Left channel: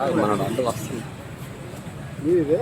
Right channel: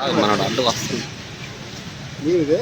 మనోడు అడ్డు వస్తుంది. మీదే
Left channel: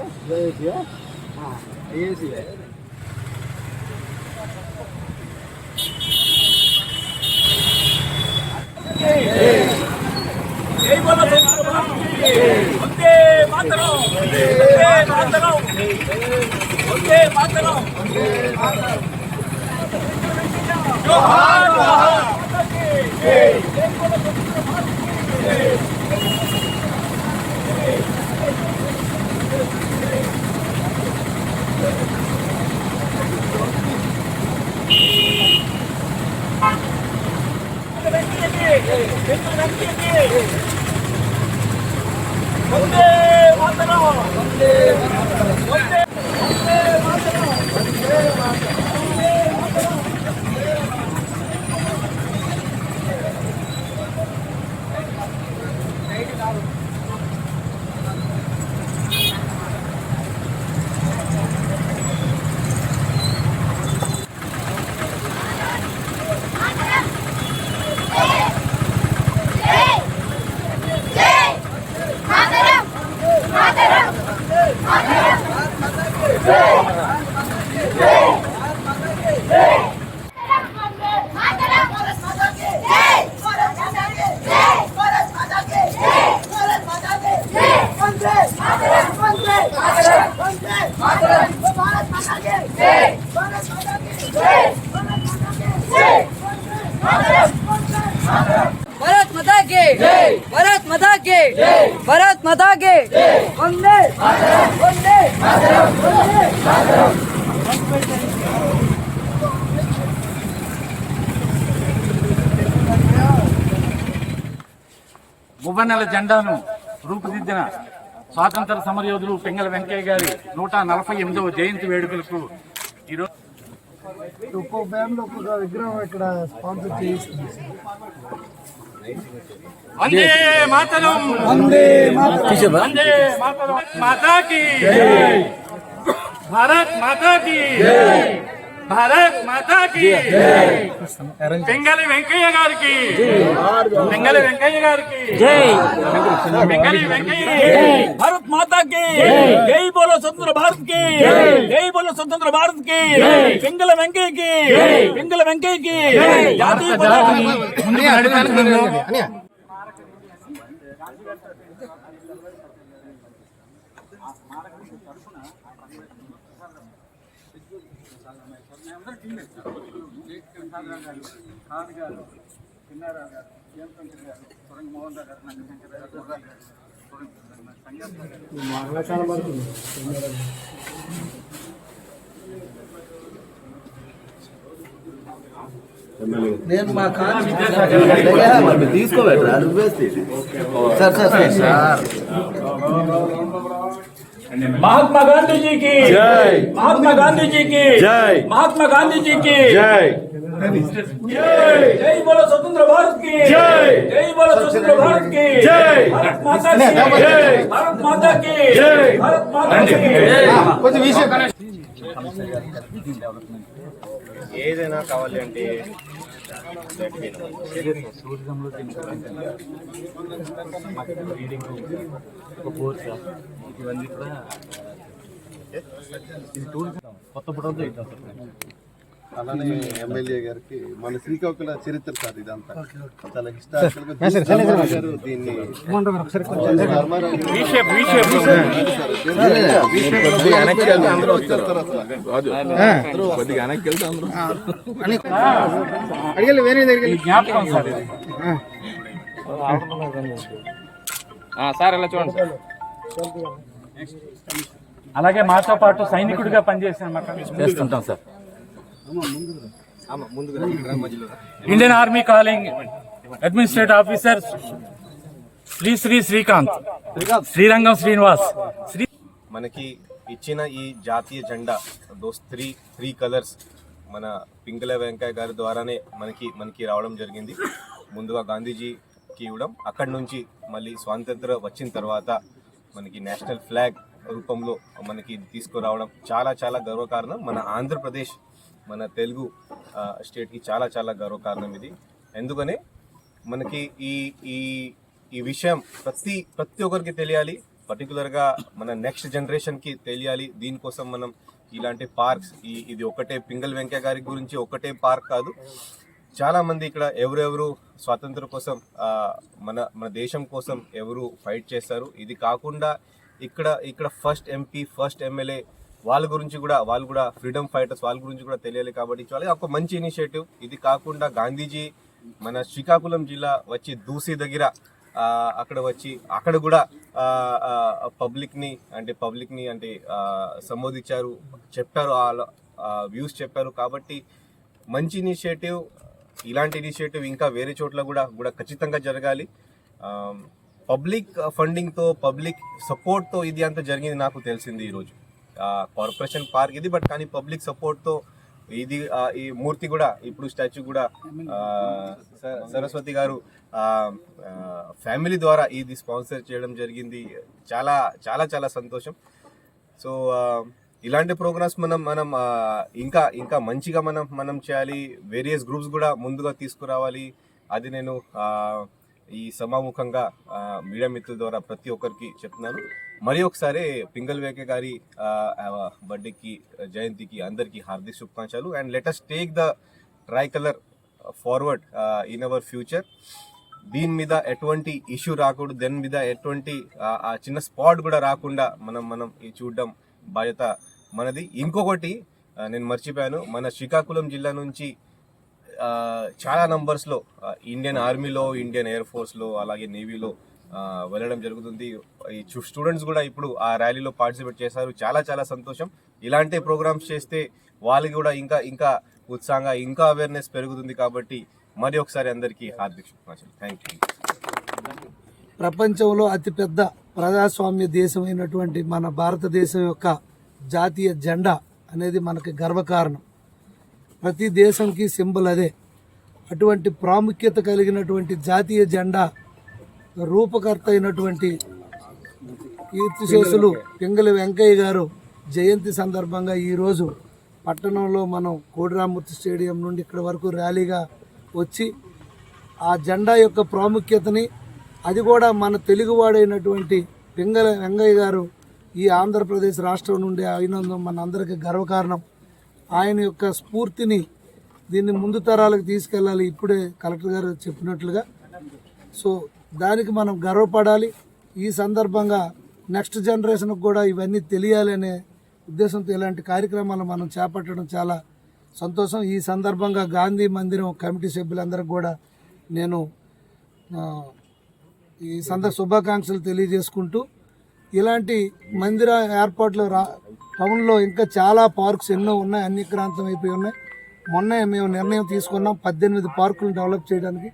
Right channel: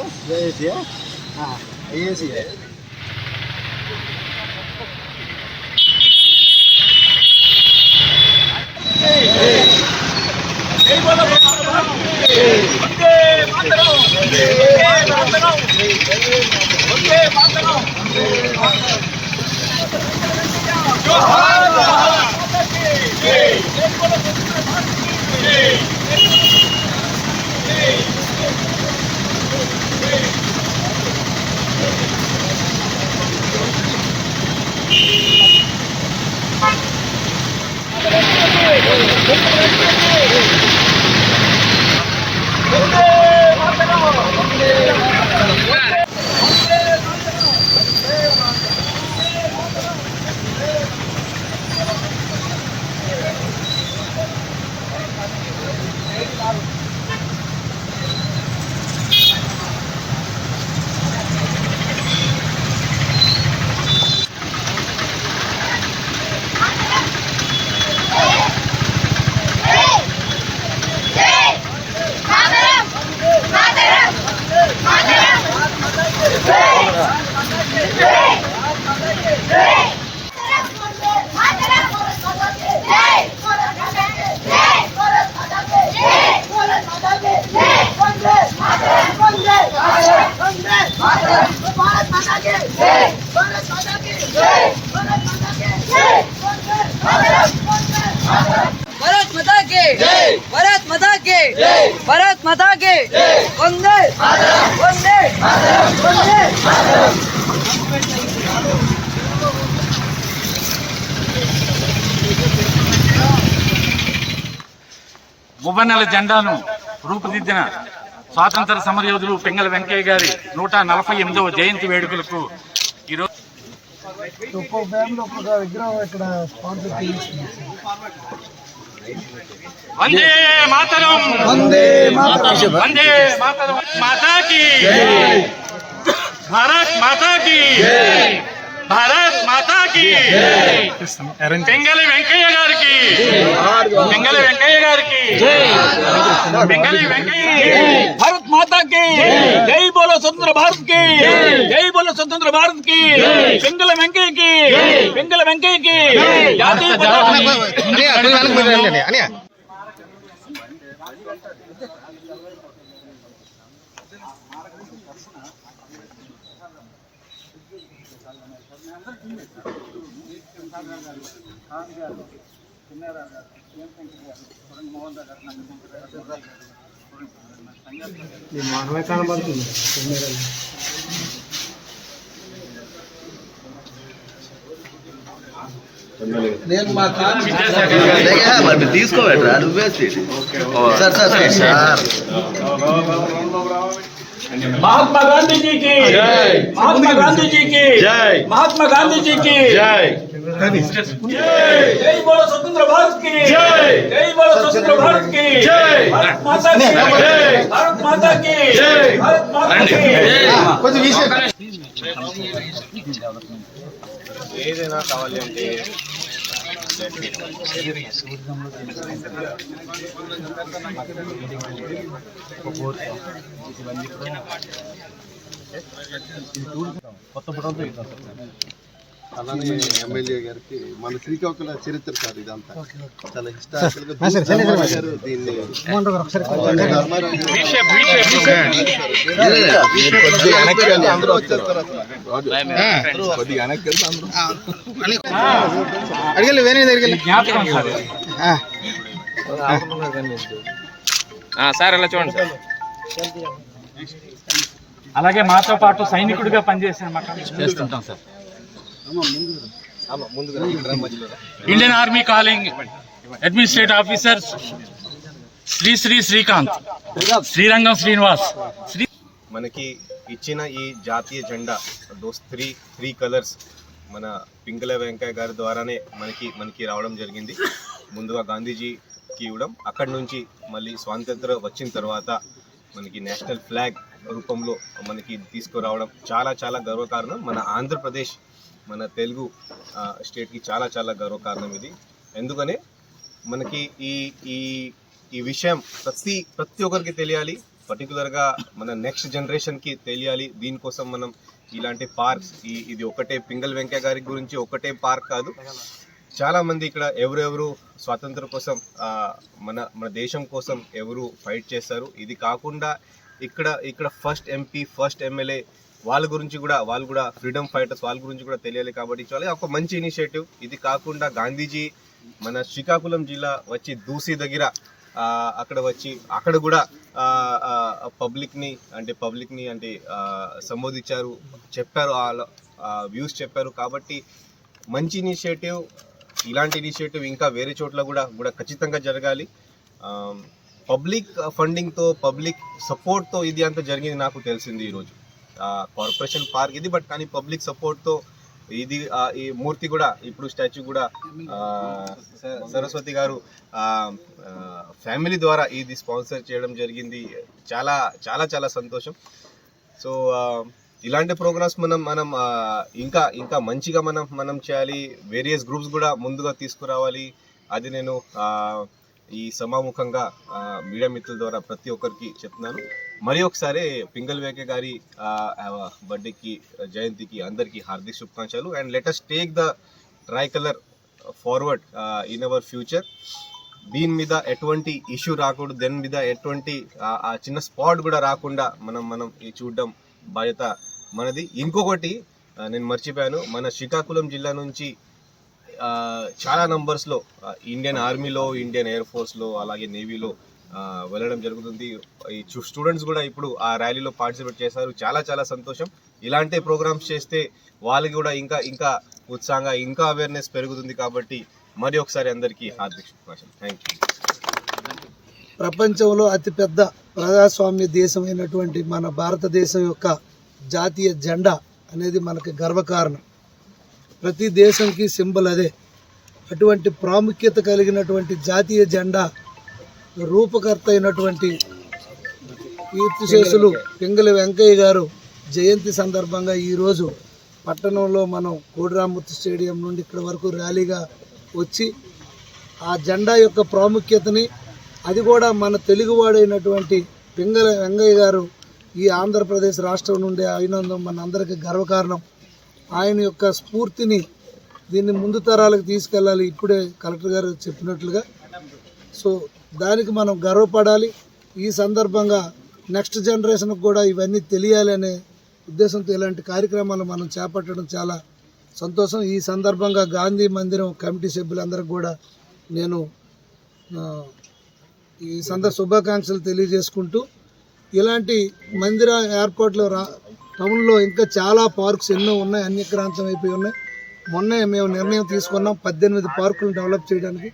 భరత్ మదాకే భరత్ వందే వందే వందే జెండాను రూపుదిద్దిన స్వాతంత్ర సమరయోధులు పెంగల వెంకయ్య గారి నూట నలభై ఎనిమిదవ జయంతి వేడుకలకు ఈరోజు ఒక్కో ఒక్కొక్క విగ్రహం ఇక్కడ స్పాన్సర్ వందే మాతరం. వందే మాతరం. వందే మాతరం. మాతాకి. భారత్ మాతాకి. భారత్ మాతాకి. పింగళి వెంకయ్య గారికి. పింగళి వెంకయ్య గారికి. పింగళి వెంకయ్య. భారత్ మాతా కి జై బోలో స్వతంత్ర భారత్కి జై బోలో స్వతంత్ర భారత్కి పింగళ వెంకయ్య కి పింగళ వెంకయ్య కి గారు ఏం గారు మోహన్ గారు నాకు గారు. నేను మా మరి తీసుకోబెట్రా నువ్వే sir sir sir sir महात्मा गांधी जी की महात्मा गांधी जी की महात्मा गांधी जी की जय बोलो स्वतंत्र भारत की जय बोलो स्वतंत्र भारत की भारत माता की भारत माता की भारत माता की కొంచెం విషయం ఏదైనా కావాలి అంటే టూరిజంలో ఇవన్నీ కూడా ఇది టూరిజం కొత్త బుడంతో ఇద్దాం సార్. అలానే ఎమ్మెల్యే గారికి మన శ్రీకాకుళ చరిత్ర సార్ ఇదంతా. చాలా హిస్టారికల్ గారు దీన్ని అందరూ వచ్చేస్తారు అడిగలు వేరే దగ్గరికి సార్ ఇలా చూడండి సార్. అలాగే మాతో పాటు సైనికుడిగా పనిచేసిన మాట చేస్తుంటాం sir. Indian army calling administrative officer Shri Shri Srikanth Srirangam Srinivas. Shri మనకి ఇచ్చిన ఈ జాతీయ జెండా దోస్ త్రీ త్రీ కలర్స్ మన పింగళ వెంకయ్య గారి ద్వారానే మనకి మనకి రావడం జరిగింది. ముందుగా గాంధీజీకి ఇవ్వడం అక్కడి నుంచి మళ్ళీ స్వాతంత్ర వచ్చిన తర్వాత మనకి నేషనల్ ఫ్లాగ్ రూపంలో మనకి తీసుకురావడం చాలా చాలా గర్వకారణం. మన ఆంధ్రప్రదేశ్ మన తెలుగు స్టేట్కి చాలా చాలా గర్వకారణం ఇది. ఎందుకనే? మనకి ఈ ఈ ఈ విషయం ప్రతి ప్రతి ఒక్కరికి తెలియాలి. పర్టికులర్గా మన నెక్స్ట్ జనరేషన్కి తెలియాలి. దీనికోసం మనం ఇలాంటి పార్క్స్ ఈ ఇది ఒకటే పింగల్ వెంకయ్య గారి గురించి ఒకటే పార్క్ కాదు. చాలామంది ఇక్కడ ఎవరెవరు స్వాతంత్రం కోసం మన మన దేశం కోసం ఎవరు ఫైట్ చేస్తారు ఇది కాకుండా ఇక్కడ ఇక్కడ ఫస్ట్ ఎంపీ ఫస్ట్ ఎమ్మెల్యే వాళ్ళ గురించి కూడా వాళ్ళు కూడా ఫ్రీడమ్ ఫైటర్స్ వాళ్ళ గురించి కూడా తెలియాలి కాబట్టి చాలా ఒక మంచి ఇనిషియేటివ్ ఇది కాకుండా గాంధీజీ మన శ్రీకాకుళం జిల్లా వచ్చి దూసి దగ్గర అక్కడ వచ్చి అక్కడ కూడా పబ్లిక్ని అంటే పబ్లిక్ని అంటే సంబోధించారు చెప్పారు వాళ్ళ వ్యూస్ చెప్పారు కాబట్టి మంచి ఇనిషియేటివ్ ఇలాంటి ఇనిషియేటివ్ ఇంకా వేరే చోట్ల కూడా కూడా ఖచ్చితంగా జరగాలి. పబ్లిక్ ఫండింగ్తో పబ్లిక్ సపోర్ట్తో ఇది అంత జరిగింది నాకు తెలిసింది ఈరోజు. కార్పొరేషన్ పార్క్ ఇది బట్ కానీ పబ్లిక్ సపోర్ట్తో ఇది ఈ మూర్తి కూడా ఇప్పుడు స్టాచ్యూ కూడా సరస్వతి గారు ఫ్యామిలీ ద్వారా ఇది స్పాన్సర్ చేయడం జరిగింది. చాలా చాలా చాలా సంతోషం. సో ఇలాంటి ప్రోగ్రామ్స్ మనం మనం ఇంకా ఇంకా మంచిగా మనం మనం చేయాలి. వేరియస్ గ్రూప్స్ కూడా ముందుగా తీసుకురావాలి. అది నేను ఈ సమాముఖంగా మీడియా మిత్రుల ద్వారా ప్రతి ఒక్కరికి చెప్తున్నాను. మరి ఒకసారి పింగల్ వేకే గారి బర్త్డేకి జయంతికి అందరికీ హార్దిక శుభాకాంక్షలు. And latest take the tricolour forward in our future దీని మీద ఎటువంటి ఇష్యూ రాకూడదు. దాని మీద ఎటువంటి ఆ- చిన్న స్పాట్ కూడా రాకుండా మనం మనం ఈ చూడడం బాధ్యత మనది. ఇంకొకటి నేను మర్చిపోయాను. మన శ్రీకాకుళం జిల్లా నుంచి చాలా నంబర్స్లో ఇండియన్ ఆర్మీలో ఇండియన్ ఎయిర్ ఫోర్స్లో అలాగే నేవీలో వెళ్ళడం జరుగుతుంది. ఈ స్టూడెంట్స్ కూడా ఇప్పుడు ఆ ర్యాలీలో పార్టిసిపేట్ చేశారు. చాలా చాలా సంతోషం. ఇలాంటి ప్రోగ్రామ్స్ చేస్తే వాళ్ళకి కూడా ఇంకా ఇంకా ఉత్సాహంగా ఇంకా అవేర్నెస్ పెరుగుతుంది కాబట్టి మరి ఒకసారి అందరికీ హార్దిక శుభాకాంక్షలు. థ్యాంక్ యూ ప్రపంచంలో అతిపెద్ద ప్రజాస్వామ్య దేశమైనటువంటి మన భారతదేశం యొక్క జాతీయ జెండా అనేది మనకి గర్వకారణం. ప్రతి దేశంకి సింబల్ అదే. అటువంటి ప్రాముఖ్యత కలిగినటువంటి జాతీయ జెండా రూపకర్త అయినటువంటి కీర్తిశేషులు పింగళి వెంకయ్య గారు జయంతి సందర్భంగా ఈరోజు పట్టణంలో మనం కోడిరామూర్తి స్టేడియం నుండి ఇక్కడ వరకు ర్యాలీగా వచ్చి ఆ జెండా యొక్క ప్రాముఖ్యతని అది కూడా మన తెలుగువాడైనటువంటి పింగల వెంగయ్య గారు ఈ ఆంధ్రప్రదేశ్ రాష్ట్రం నుండి అయినందుకు మన అందరికీ గర్వకారణం. ఆయన యొక్క స్ఫూర్తిని దీన్ని ముందు తరాలకు తీసుకెళ్ళాలి. ఇప్పుడే కలెక్టర్ గారు చెప్పినట్లుగా. సో దానికి మనం గర్వపడాలి. ఈ సందర్భంగా నెక్స్ట్ జనరేషన్కి కూడా ఇవన్నీ తెలియాలి అనే ఉద్దేశంతో ఇలాంటి కార్యక్రమాలు మనం చేపట్టడం చాలా సంతోషం. ఈ సందర్భంగా గాంధీ మందిరం కమిటీ సభ్యులందరికీ కూడా నేను ఈ సందర్భ శుభాకాంక్షలు తెలియజేసుకుంటూ ఇలాంటి మందిర ఏర్పాట్లు రా టౌన్లో ఇంకా చాలా పార్క్స్ ఎన్నో ఉన్నాయి అన్యక్రాంతం అయిపోయి ఉన్నాయి. మొన్నే మేము నిర్ణయం తీసుకున్నాం పద్దెనిమిది పార్కులు డెవలప్ చేయడానికి.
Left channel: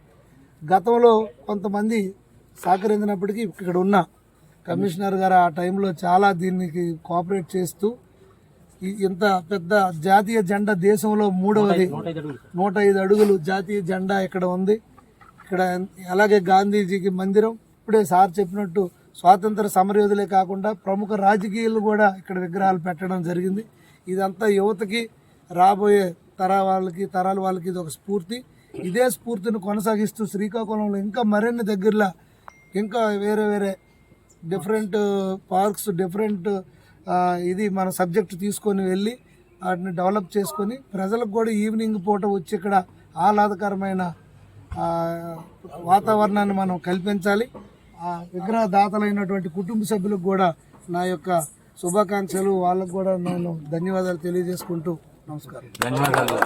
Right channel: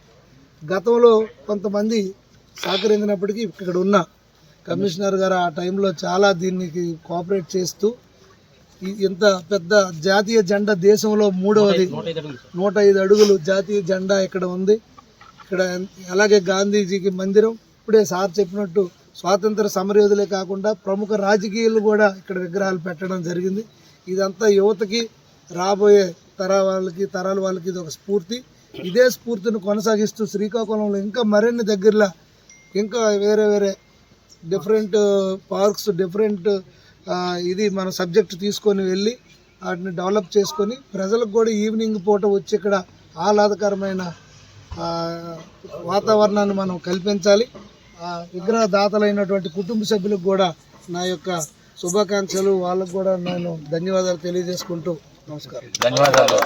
గతంలో కొంతమంది సహకరించినప్పటికీ ఇక్కడ ఉన్న కమిషనర్ గారు ఆ టైంలో చాలా దీనికి కోఆపరేట్ చేస్తూ ఇంత పెద్ద జాతీయ జెండా దేశంలో మూడవది. నూట ఐదు అడుగులు. జాతీయ జెండా ఇక్కడ ఉంది. ఇక్కడ అలాగే గాంధీజీకి మందిరం. ఇప్పుడే సార్ చెప్పినట్టు స్వాతంత్ర సమరయోధులే కాకుండా ప్రముఖ రాజకీయాలు కూడా ఇక్కడ విగ్రహాలు పెట్టడం జరిగింది. ఇదంతా యువతకి రాబోయే తరాల వాళ్ళకి తరాల వాళ్ళకి ఇది ఒక స్ఫూర్తి. ఇదే స్ఫూర్తిని కొనసాగిస్తూ శ్రీకాకుళంలో ఇంకా మరిన్ని దగ్గరలో ఇంకా వేరే వేరే డిఫరెంట్ పార్క్స్ డిఫరెంట్ ఇది మన సబ్జెక్ట్ తీసుకొని వెళ్ళి వాటిని డెవలప్ చేసుకొని ప్రజలకు కూడా ఈవినింగ్ పూట వచ్చి ఇక్కడ ఆహ్లాదకరమైన వాతావరణాన్ని మనం కల్పించాలి. ఆ విగ్రహదాతలైనటువంటి కుటుంబ సభ్యులకు కూడా నా యొక్క శుభాకాంక్షలు. వాళ్ళకు కూడా నేను ధన్యవాదాలు తెలియజేసుకుంటూ నమస్కారం. ధన్యవాదాలు.